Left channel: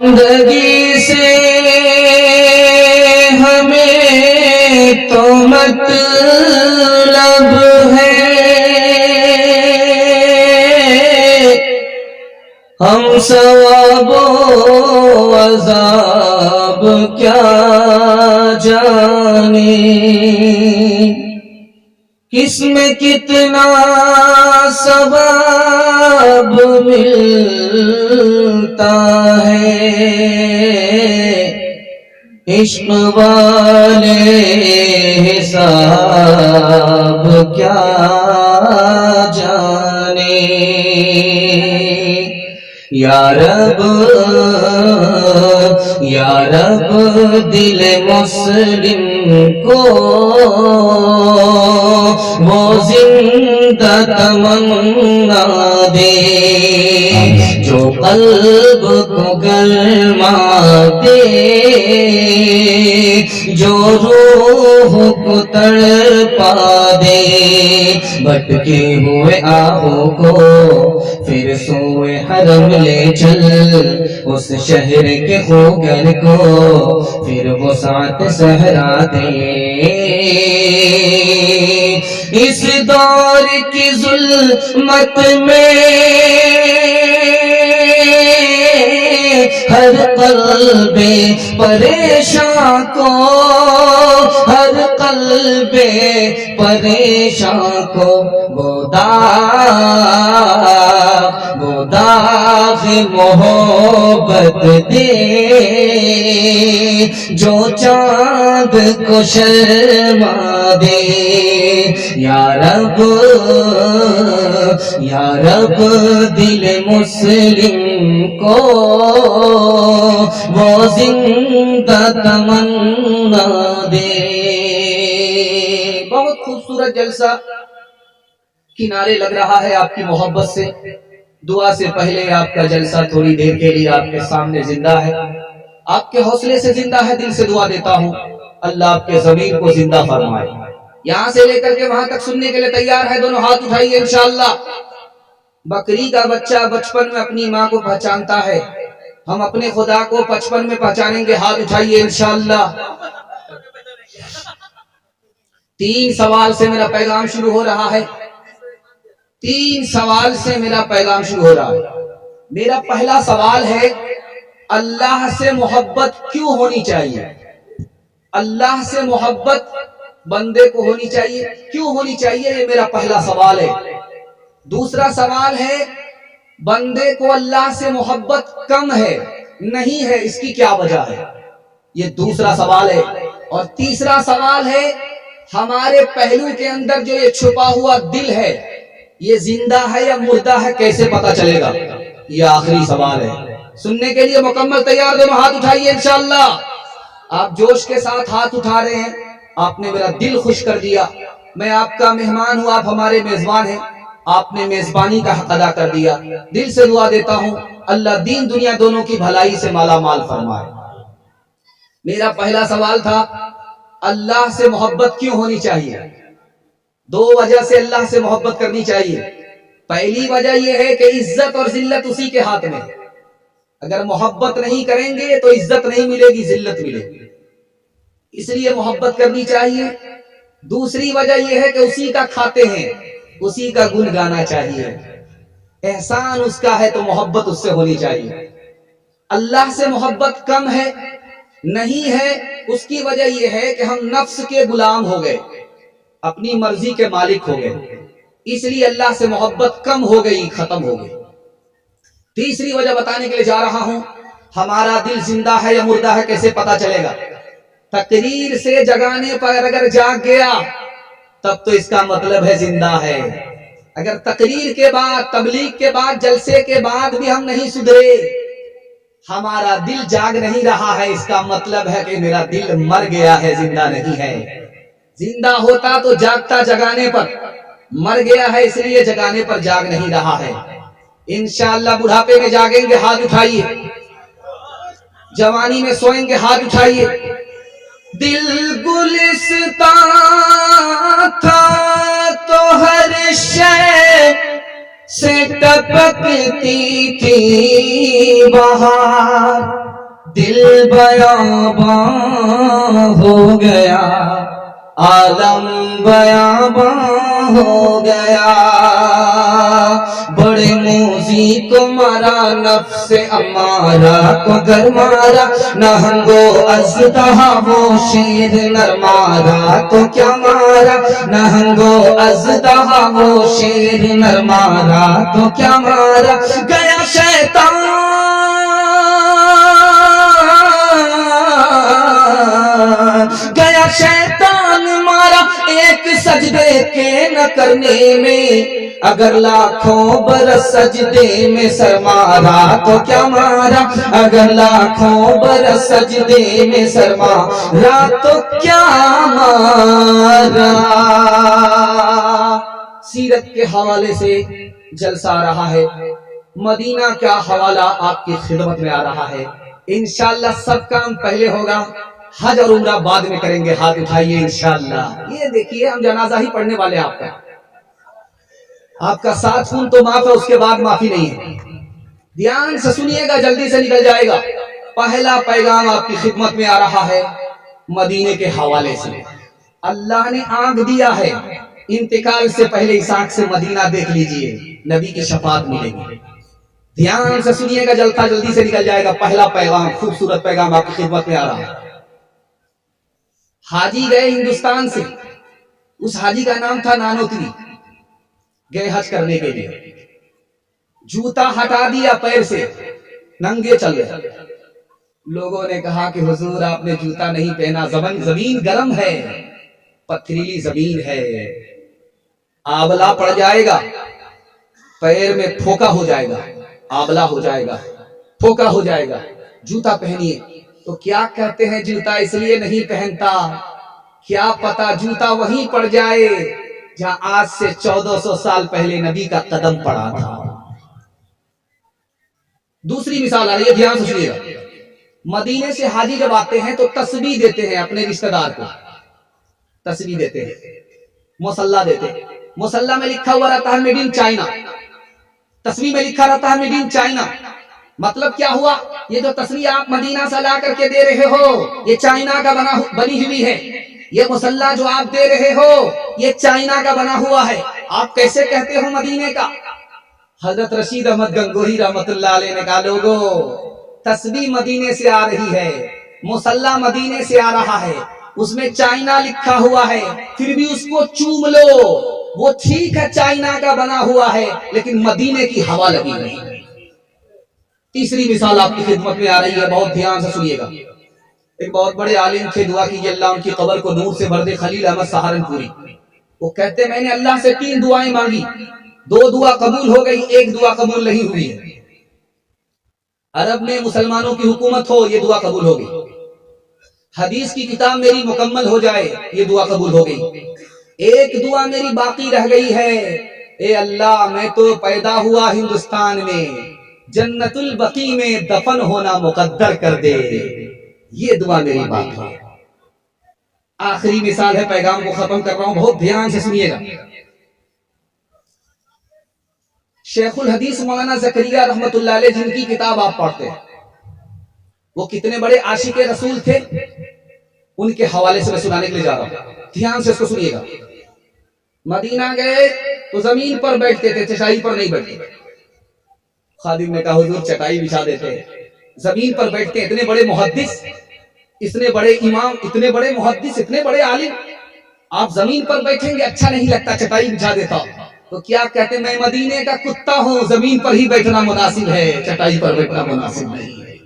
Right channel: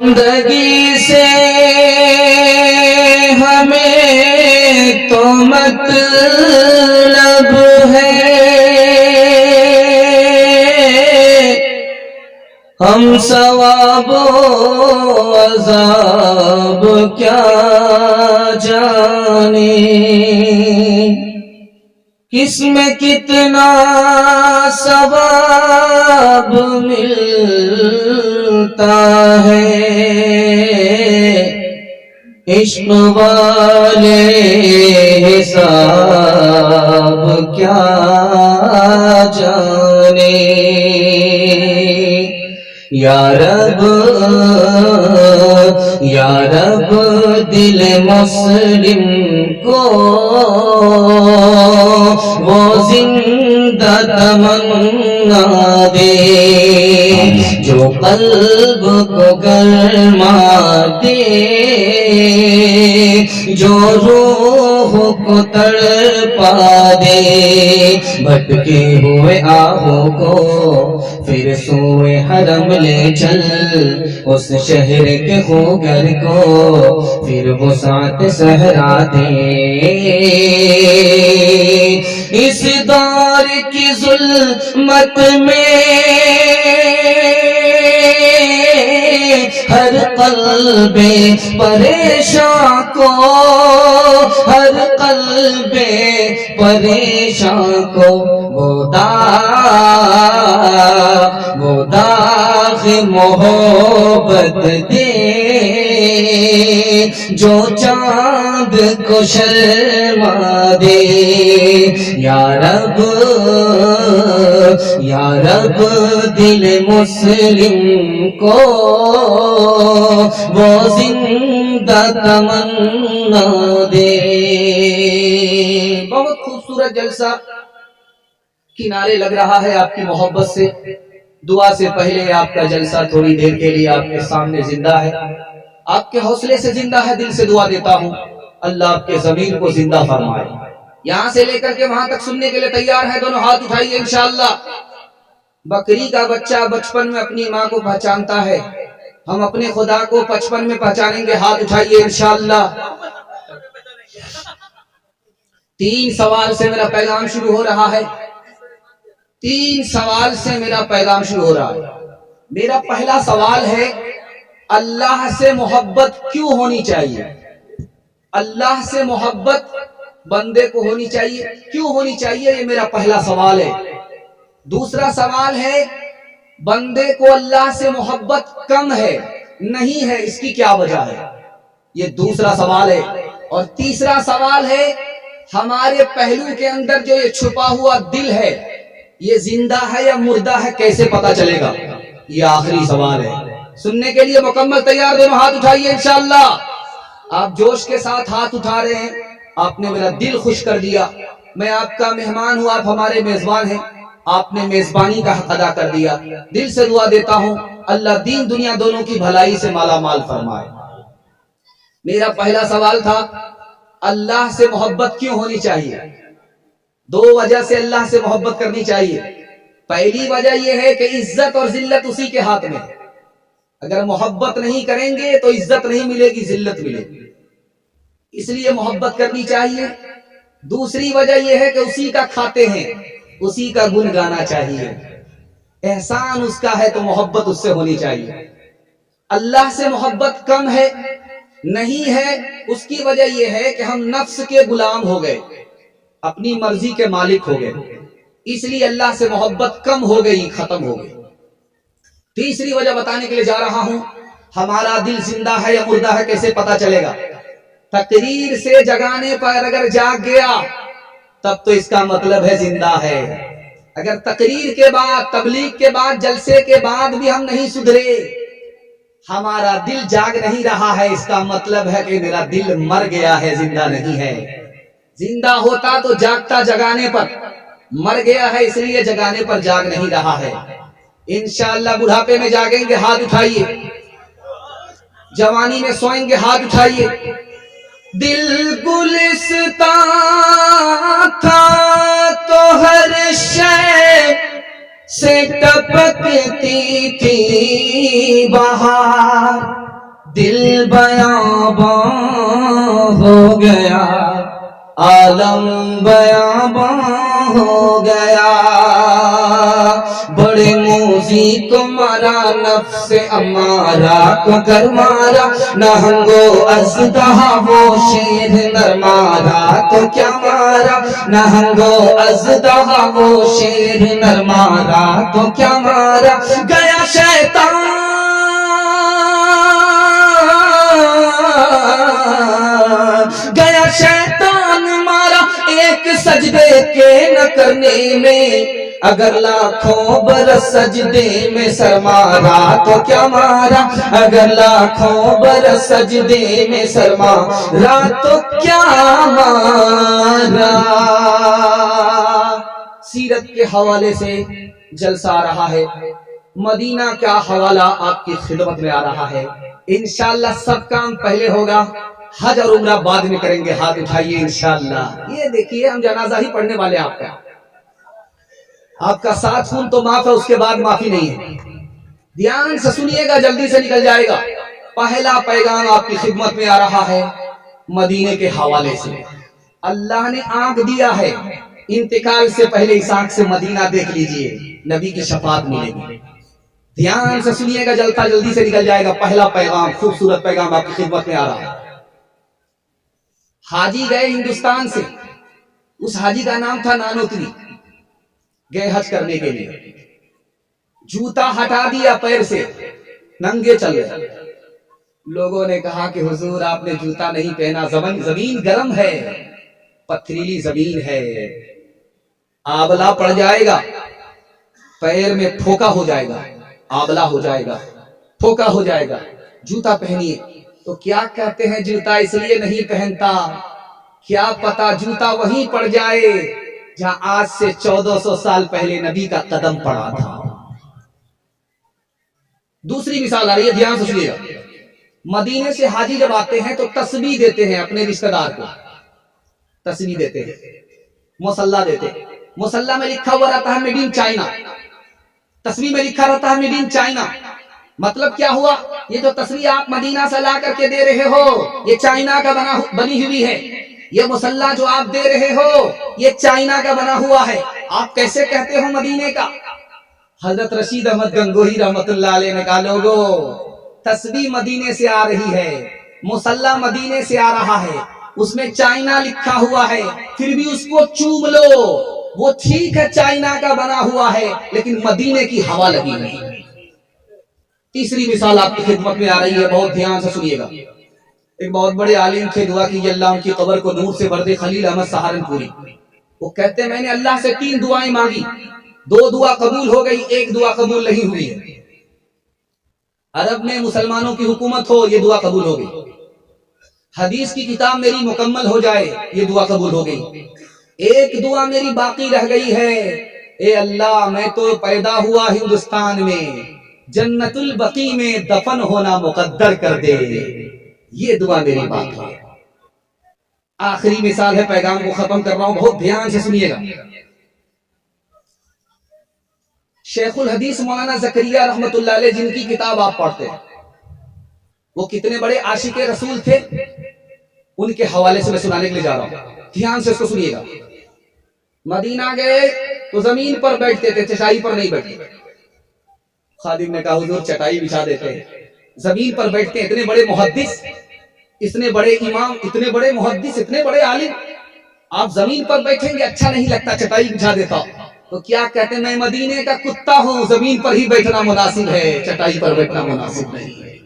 زندگی سے ہمیں تو مطلب ہے، ہم ثواب و عذاب کیا جانیں، کس میں کتنا ثواب ملتا ہے، عشق والے حساب کیا جانے۔ یا رب دل مسلم کو وہ زندہ تمنا دے، جو قلب کو گرما دے، جو روح کو تڑپا دے۔ بھٹکے ہوئے آہوں کو پھر سوئے حرم لے چل، اس شہر کے خوگر کو پھر وسعت صحرا دے۔ اس دور کی ظلمت میں ہر قلب پریشاں کو، ہر قلب پریشاں کو وہ داغ محبت دے، جو چاند کو شرما دے۔ یا رب دل مسلم کو وہ زندہ تمنا دے۔ بہت خوبصورت جلسہ کنارے لگ رہا ہے آپ کی محبت سے۔ دعا سے پہلے آپ کا جلسہ تھوڑی دیر کے لیے آپ کے سامنے زندہ ہے، آپ کے حوصلے سے زندہ ہے۔ دل سے دعا دیتا ہوں اللہ آپ کے ضمیر کو زندہ فرمائے۔ یہاں سے لے کر کے وہاں تک سننے کے لیے تیار ہے؟ دونوں ہاتھ اٹھائیے انشاءاللہ۔ بکری کا بچہ بچپن میں اپنی ماں کو پہچانتا ہے، ہم اپنے خدا کو بچپن میں پہچانیں گے۔ ہاتھ اٹھائیے انشاءاللہ۔ 3 سوال سے میرا پیغام شروع ہو رہا ہے، 3 سوال سے میرا پیغام شروع ہو رہا ہے۔ میرا پہلا سوال ہے، اللہ سے محبت کیوں ہونی چاہیے؟ اللہ سے محبت بندے کو ہونی چاہیے، کیوں ہونی چاہیے؟ یہ میرا پہلا سوال ہے۔ دوسرا سوال ہے، بندے کو اللہ سے محبت کم ہے، نہیں ہے، اس کی کیا وجہ ہے؟ یہ دوسرا سوال ہے۔ اور تیسرا سوال ہے، ہمارے پہلو کے اندر جو یہ چھپا ہوا دل ہے، یہ زندہ ہے یا مردہ ہے، کیسے پتا چلے گا؟ یہ آخری سوال ہے۔ سننے کے لیے مکمل تیار؟ دونوں ہاتھ اٹھائیے انشاءاللہ۔ آپ جوش کے ساتھ ہاتھ اٹھا رہے ہیں، آپ نے میرا دل خوش کر دیا۔ میں آپ کا مہمان ہوں، آپ ہمارے میزبان ہیں، آپ نے میزبانی کا حق ادا کر دیا۔ دل سے دعا دیتا ہوں اللہ دین دنیا دونوں کی بھلائی سے مالا مال فرمائے۔ میرا پہلا سوال تھا، اللہ سے محبت کیوں ہونی چاہیے؟ 2 وجہ سے اللہ سے محبت کرنی چاہیے۔ پہلی وجہ یہ ہے کہ عزت اور ذلت اسی کے ہاتھ میں ہے۔ اگر محبت نہیں کریں گے تو عزت نہیں ملے گی، ذلت ملے گی، اس لیے محبت کرنی چاہیے۔ دوسری وجہ یہ ہے کہ اسی کا کھاتے ہیں، اسی کا گن گانا چاہیے، احسان اس کا ہے تو محبت اس سے ہونی چاہیے۔ اللہ سے محبت کم ہے، نہیں ہے، اس کی وجہ یہ ہے کہ ہم نفس کے غلام ہو گئے، اپنی مرضی کے مالک ہو گئے، اس لیے اللہ سے محبت کم ہو گئی، ختم ہو گئی۔ تیسری وجہ بتانے کے لیے جا رہا ہوں، ہمارا دل زندہ ہے یا مردہ ہے کیسے پتا چلے گا؟ تقریر سے جگانے پر اگر جاگ گیا تب تو اس کا مطلب ہے زندہ ہے۔ اگر تقریر کے بعد، تبلیغ کے بعد، جلسے کے بعد بھی ہم نہیں سدھرے، ہمارا دل جاگ نہیں رہا ہے، اس کا مطلب ہے کہ میرا دل مر گیا ہے، زندہ نہیں ہے۔ زندہ ہوتا تو جاگتا، جگانے پر مر گیا ہے، اس لیے جگانے پر جاگ نہیں رہا ہے۔ انشاءاللہ بڑھاپے میں جاگیں گے، ہاتھ اٹھائیے۔ جوانی میں سوئیں گے، ہاتھ اٹھائیے۔ دل گلستان تھا تو ہر شے سے ٹپکتی تھی بہار، دل بیاباں ہو گیا، عالم بیاباں ہو گیا، بڑے موذی کو مارا، نفس امارہ کو گر مارا، نہنگو اژدہا وہ شیر نر مارا تو کیا مارا، نہنگو اژدہا وہ شیر نر مارا تو کیا مارا، گیا شیطان گیا شیطان مارا ایک سجدے کے نہ کرنے میں، اگر لاکھوں برس سجدے میں سر مارا تو کیا مارا، اگر لاکھوں برس سجدے میں سر مارا تو کیا مارا۔ سیرت کے حوالے سے جلسہ آ رہا ہے، مدینہ کا حوالہ آپ کی خدمت میں آ رہا ہے، انشاءاللہ سب کام پہلے ہوگا، حج اور عمرہ بعد میں کریں گے، ہاتھ اٹھائیے انشاءاللہ۔ یہ دیکھیے ہم جنازہ ہی پڑھنے والے ہیں، آپ کا 7 خون تو معاف ہے، اس کے بعد معافی نہیں ہے، دھیان سے سنیے گا، جلدی سے نکل جائے گا۔ پہلا پیغام آپ کی خدمت میں آ رہا ہے مدینے کے حوالے سے۔ اللہ نے آنکھ دیا ہے، انتقال سے پہلے اس آنکھ سے مدینہ دیکھ لیجئے، نبی کی شفاعت ملے گی، دھیان سے سنیے گا، جلدی سے نکل جائے گا۔ پہلا پیغام، خوبصورت پیغام آپ کی خدمت میں آ رہا ہے۔ حاجی گئے ہندوستان سے، اس حاجی کا نام تھا نانوتری، گئے حج کرنے کے لیے، جوتا ہٹا دیا پیر سے، ننگے چل رہے، لوگوں نے کہا کہ حضور آپ نے جوتا نہیں پہنا، زمین گرم ہے، پتھریلی زمین ہے، آبلہ پڑ جائے گا، پیر میں پھوکا ہو جائے گا، آبلہ ہو جائے گا، پھوکا ہو جائے گا، جوتا پہنیے۔ تو کیا کہتے ہیں جوتا اس لیے نہیں پہنتا، کیا پتا جوتا وہیں پڑ جائے جہاں آج سے 1400 سال پہلے نبی کا قدم پڑا تھا۔ دوسری مثال آ رہی ہے، دھیان سے سنیے گا۔ مدینے سے حاجی جب آتے ہیں تو تسبیح دیتے ہیں اپنے رشتہ دار کو، تسبیح دیتے ہیں، مصلی دیتے ہیں، مصلی میں لکھا ہوا رہتا ہے میڈ ان چائنا، تسبیح میں لکھا رہتا ہے میڈ ان چائنا۔ مطلب کیا ہوا، یہ جو تسبیح آپ مدینہ سے لا کر کے دے رہے ہو یہ چائنا کا بنی ہوئی ہے، یہ مصلی جو آپ دے رہے ہو یہ چائنا کا بنا ہوا ہے، آپ کیسے کہتے ہو مدینے کا؟ حضرت رشید احمد گنگوہی رحمت اللہ علیہ نے کہا لوگو تسبیح مدینے سے آ رہی ہے، مصلی مدینے سے آ رہا ہے، اس میں چائنا لکھا ہوا ہے، پھر بھی اس کو چوم لو، وہ ٹھیک ہے چائنا کا بنا ہوا ہے لیکن مدینے کی ہوا لگی نہیں۔ تیسری مثال آپ کی خدمت میں آ رہی ہے، بہت دھیان سے سنیے گا۔ ایک بہت بڑے عالم تھے، دعا کیجیے اللہ ان کی قبر کو نور سے بھر دے، خلیل احمد سہارنپوری۔ وہ کہتے میں نے اللہ سے 3 دعائیں مانگی، 2 دعا قبول ہو گئی، 1 دعا قبول نہیں ہوئی ہے۔ عرب میں مسلمانوں کی حکومت ہو، یہ دعا قبول ہو گئی۔ حدیث کی کتاب میری مکمل ہو جائے، یہ دعا قبول ہو گئی۔ ایک دعا میری باقی رہ گئی ہے، اے اللہ میں تو پیدا ہوا ہندوستان میں، جنت البقیع میں دفن ہونا مقدر کر دے، یہ دعا میری باقی ہے۔ آخری مثال ہے، پیغام کو ختم کر رہا ہوں، بہت دھیان سے سنیے گا۔ شیخ الحدیث مولانا زکریا رحمت اللہ علیہ جن کی کتاب آپ پڑھتے ہیں، وہ کتنے بڑے عاشق رسول تھے، ان کے حوالے سے میں سنانے کے لیے جا رہا ہوں، دھیان سے اس کو سنیے گا۔ مدینہ گئے تو زمین پر بیٹھتے تھے، چٹائی پر نہیں بیٹھتے۔ خادم نے کہا حضور چٹائی بچھا دیتے ہیں، زمین پر بیٹھتے ہیں، اتنے بڑے محدث، اتنے بڑے امام، اتنے بڑے محدث، اتنے بڑے عالم، آپ زمین پر بیٹھیں گے اچھا نہیں لگتا، چٹائی بچھا دیتا۔ تو کیا کہتے میں مدینے کا کتا ہوں، زمین پر ہی بیٹھنا مناسب ہے، چٹائی پر بیٹھنا مناسب نہیں ہے۔